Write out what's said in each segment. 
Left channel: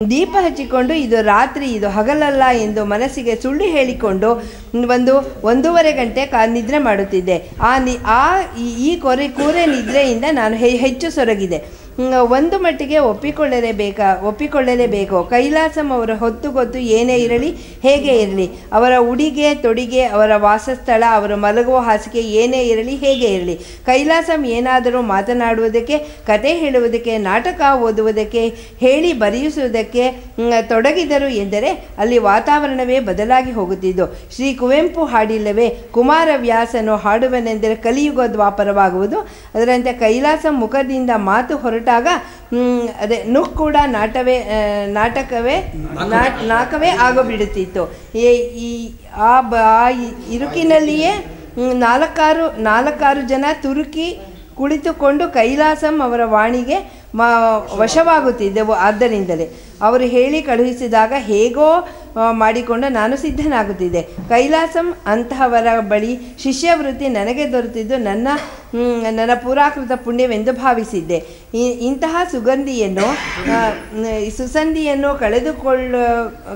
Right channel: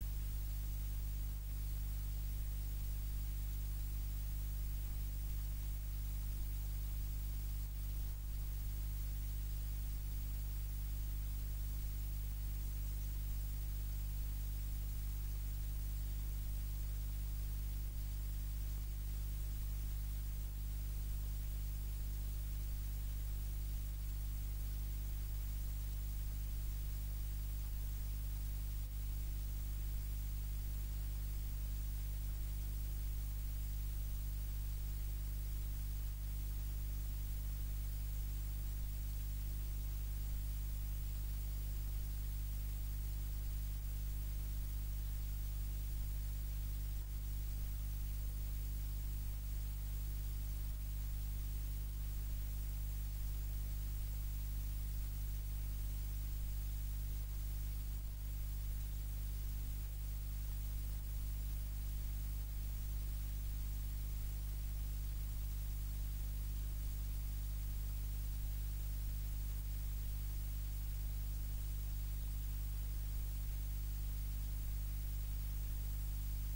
ದೀಪ ಹಚ್ಚಿಕೊಂಡು ಇದು ರಾತ್ರಿ ಇದು ಹಗಲಲ್ಲ ಎಂದು ಮನಸ್ಸಿಗೆ ಸುಳ್ಳು ಹೇಳಿಕೊಂಡು 1.5 ಗಂಟೆ ನಿದ್ರೆ ಮಾಡುತ್ತಿದ್ದೆ. ಈ ಕೂರೆ ನಿದ್ರೆಯಿಂದ ನಾನು ಹೆಚ್ಚು ಸೊರಗಿದೆ. ಒಂದು ಮಟ್ಟಿಗೆ ಒಪ್ಪಿಕೊಳ್ಳಲೇಬೇಕು. ಕೈಲಾಸಂ ಅವರ ಹೊತ್ತುಗೊತ್ತು ಏನೇ ಇರಲಿ, ಹೇಗೆ ಇರಲಿ, ಅವರ ಉಡಿಗೆ ತೊಡಿಗೆ, ಅವರ ವಾಸಸ್ಥಳ, ಅವರು ಮಲಗುವ ಹಾಸಿಗೆ ಏನೇ ಇರಲಿ, ಹೇಗೆ ಇರಲಿ, ಕೈಲಾಸಂ ಏನಾದರೂ ಮಾತನಾಡುವುದಕ್ಕೆ, ಕತೆ ಹೇಳುವುದಕ್ಕೆ, ನಾಟಕ ಓದುವುದಕ್ಕೆ, ಹೇಳಿ ಬರೆಯಿಸುವುದಕ್ಕೆ ತೊಡಗಿದರು ಎಂದರೆ ಅಲ್ಲಿ ವಾತಾವರಣವೇ ಬದಲಾಗಿ ಹೋಗುತ್ತಿದ್ದು. ಶ್ರೀ ಕುವೆಂಪು ಹಾಡಿಲ್ಲವೇ, ಕುಮಾರವ್ಯಾಸನು ಹಾಡುವನೆಂದರೆ ಕಲಿಯುಗ ದ್ವಾಪರವಾಗುವುದು. ಅದರಂತೆ ಕೈಲಾಸಂ ಮುಖದಿಂದ ಮಾತು ಹೊರಟಾಗ ಅದೇ ನುಕ್ ಕೂಡ ನಾಟಕವೇ ಆಗೋಬಿಡುತ್ತಿತ್ತು. ಆ ಇರುಕಿನಲ್ಲಿಯೇ ನಾಲ್ಕಾರು ಜನ ತುರುಕಿ ಕುಳಿತುಕೊಂಡು ಕೈಲಾಸಂ ಅವರ ವಾಣಿಗೆ ವಶವಾಗುತ್ತಿದ್ದೆವು. ಆದ್ದರಿಂದಲೇ ಅವರು ಹೇಳಿ ಕಳುಹಿಸಿದಾಗ ಹೇಗೋ ಮಾಡಿಕೊಂಡು ನಾನು ಸಿದ್ಧನಾಗುತ್ತಿದ್ದೆ. ಕೈಲಾಸಂ ಅಂತಹವರ ಬಳಿ ಶಿಷ್ಯವೃತ್ತಿ ನನಗೆ ದೊರೆತಿದ್ದು ನನ್ನ ಪುರಾಕೃತ ಪುಣ್ಯವೆಂದು ಭಾವಿಸಿದ್ದೆ. ಇಂತಹ ಸುಸಂಧಿಯನ್ನು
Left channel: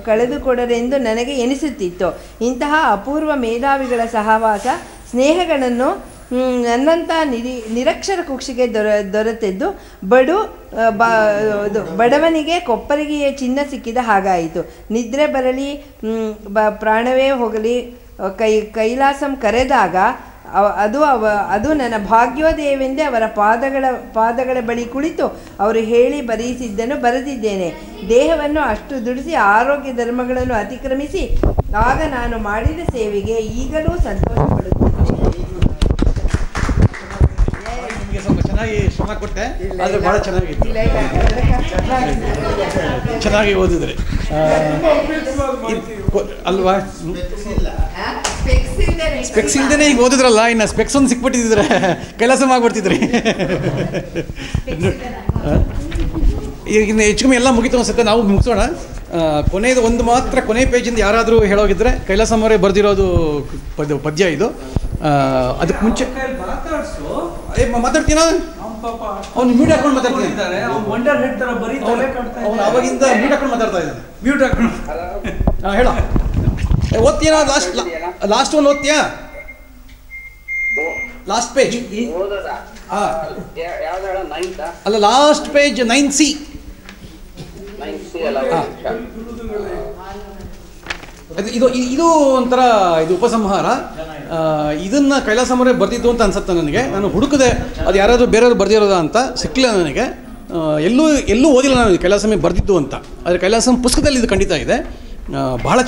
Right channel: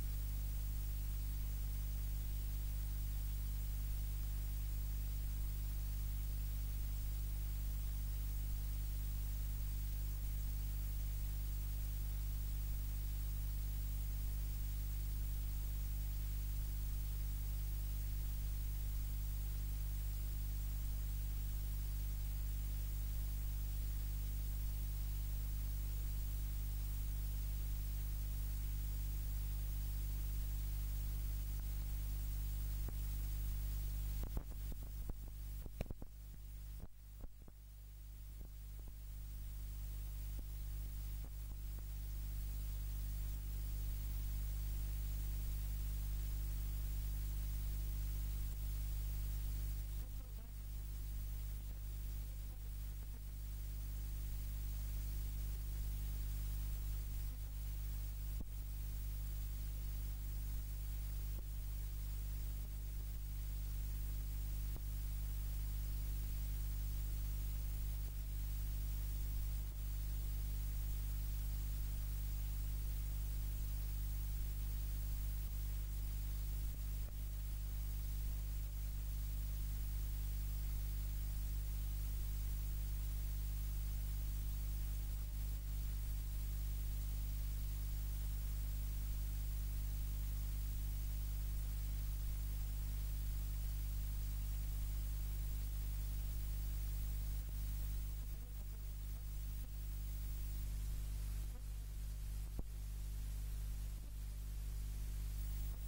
ಕಳೆದುಕೊಡರೆಂದು ನನಗೆ ಎನಿಸುತ್ತಿತ್ತು. ಇಂತಹ ಅಪೂರ್ವ ಮೇಧಾವಿಗಳ ಸಹವಾಸ ಸ್ನೇಹಗಳನ್ನು ನನ್ನಂಥ ನಿರಕ್ಷರ ಕುಕ್ಷಿಗೆ ದೊರೆತಿದ್ದು ಬಡವನಿಗೆ ಕೊಪ್ಪರಿಗೆಯ ಚಿನ್ನ ಸಿಕ್ಕಿದ ಹಾಗಾಯಿತು. ನಿದ್ರೆ ಬರಲಿ, ಪ್ರಾಣವೇ ಹೋಗಲಿ, ಕೈಲಾಸಂ ಕರೆದಾಗ ಅದು ನನ್ನ ಭಾಗ್ಯೋದಯವೆಂದೇ ಅವರ ಪಾದಗಳ ಬಳಿ ಕುಳಿತು ಅವರು ಹೇಳಿ ಬರೆಯಿಸಿದ್ದನ್ನು ಬರೆದಿದ್ದೇನೆ. ದೇಹವನ್ನು ಅಷ್ಟು ದುಡಿಸಿ ಆರೋಗ್ಯ ಧರ್ಮಗಳನ್ನು ಅತಿಕ್ರಮಿಸಿ ಆಗ ನಾನು ಮಾಡಿದ ಸೇವೆಗೆ ಈಗಲೂ ಸಂತೋಷ ಪಡುತ್ತೇನೆ. ಸ್ವಲ್ಪ ಚೆನ್ನಾಗಿ ಶ್ರಮ ಕೊಟ್ಟೆ, ಆದರೆ ಭಾಳ ಚೆನ್ನಾಗಿತ್ತು. ಚೆನ್ನಾಗಿ ಓದಿದ್ರೆ ಅಲ್ವಾ? ಸ್ಪೆಕ್ಸ್ ಇಲ್ದೇನೆ ಈಗ ಓದಿದ್ರಲ್ಲ, ಇನ್ನು ಸ್ಪೆಕ್ಸ್ ಒಂದು ಸಿಕ್ಬಿಟ್ಟಿದ್ರೆ ಕೈಲಾಸ ಆಗ್ಬಿಡ್ತಿದ್ರಿ. ಈಗ ಇನ್ನು ಹೆಚ್ಚು ಕಮ್ಮಿ ಎಲ್ಲ ಮುಗಿತು ಅನ್ಸುತ್ತೆ. ನಾವು ಮುಗಿಸೋಣ. ಕೊನೆಯದು ಒಂದು ಮಾತ್ರ, ಕೊನೆ ಪೇಜಿಂದ ಯಾರಾದರೂ ಹೇಳೋಗಿದ್ರೆ ಕೈಲಾಸಂ ಅವರೇ ಬರೆದಿರೋದು ಪದ್ಯ ಇದು. ಅದಕ್ಕೆ ಮುಂಚೆ ಮಾತಾಡ್ತೀನ, ಅವ್ನು ಮ್ಯೂಟ್ ಹಾಕೊಂಡು ಮಾತಾಡ್ತಿದ್ದಾರೆ. ಅವ್ನು ಅವಾಗಿಂದ ಮ್ಯೂಟ್ ಹಾಕೊಂಡು ಮಾತಾಡ್ತಾ ಇದ್ದಾನೆ. ಮ್ಯೂಟ್ ಹಾಕೊಂಡು ಹೇಳ. ಓದ್ತೀಯಾ? ಲಾಸ್ಟ್ ಒಂದು ಓದ್ತೀಯಾ? ಲಾಸ್ಟ್ ಪೇಜ್ ಅಲ್ಲ, ಲಾಸ್ಟ್ ಪೇಜ್ 9C. ಇದು ಒಂಥರ ಇದು ಉಪಸಂಹಾರ. ಇದನ್ನು ಕೈಲಾಸಂ ಅವರೇ ಬರೆದಿದ್ದು ಅಂತ ಅನ್ಸುತ್ತೆ ನನಗೆ. ನಾನು ಹುಡುಕದೆ ಅದು ಯಾರಾದರೂ ಬೇರೆಯವರು ಬರೆದಿರೋದ ಅಂತ ಸಿಕ್ಕಲಿಲ್ಲ ನನಗೆ. ಎಲ್ಲೂ ಓದಿಲ್ಲ ನಾನು ಕೈಲಾಸಂ ಬರೆದಿದ್ದು ಅಂತ. ಆದರೆ ಕೈಲಾಸಂ ಪುಸ್ತಕದಲ್ಲಿ ಇದು ಖಂಡಿತ ಇದೆ. ಬಹಳ